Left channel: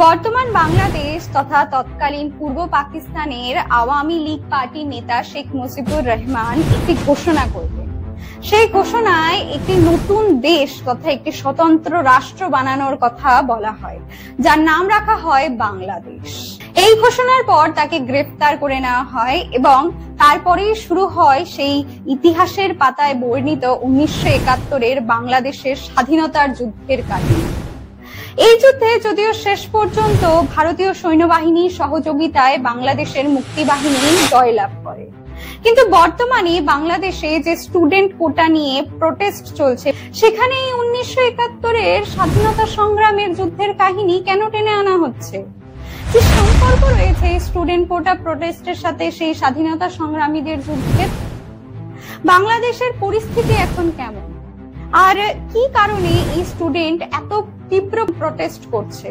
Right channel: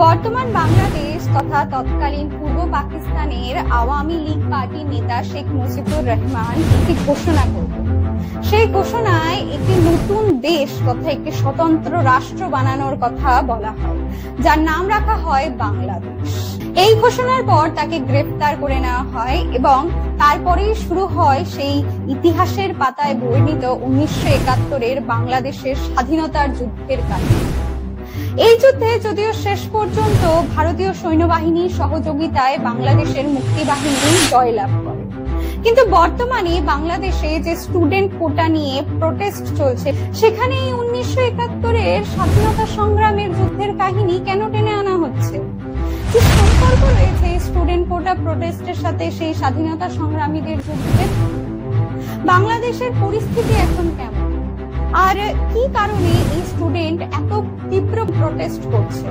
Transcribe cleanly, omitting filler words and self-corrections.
বর্তমান বাংলাদেশ তথা তৎকালীন পূর্ব পাকিস্তানের আওয়ামী লীগ পার্টির নেতা শেখ মুজিবুর রহমান একটি ঘোষণা করলেন। সেই ঘোষণায় একটি নতুন দেশ তথা একটি স্বতন্ত্র রাষ্ট্র বানানোর কথা বলা হয়, যার নাম রাখা হয় বাংলাদেশ। এই ঘোষণার পর তাকে গ্রেফতার করে নেওয়া হয় এবং তারপরেই শুরু হয় সেই ইতিহাসের পাতায় বর্ণিত 1971-এর বাংলাদেশের স্বাধীনতার যুদ্ধের কাহিনী। এই যুদ্ধে যদিও শেষ পর্যন্ত ভারতীয় সৈন্যবাহিনীর সহযোগিতায় বাংলাদেশের মুক্তিবাহিনী জয়লাভ করে, কিন্তু বর্তমানে বাংলাদেশে যে স্টুডেন্ট কোটা নিয়ে প্রোটেস্ট চলছে, সেখানে 1971-এর স্বাধীনতা সংগ্রামের যুদ্ধের কাহিনী কেন টেনে আনা হচ্ছে? কি সম্পর্ক রয়েছে স্টুডেন্ট কোটা প্রোটেস্টের সাথে সেই স্বাধীনতা সংগ্রামীদের যুদ্ধের? বাংলাদেশের পরিস্থিতি এখন কেমন, আর কি কারণে এই স্টুডেন্ট এত তীব্র প্রোটেস্ট করছে?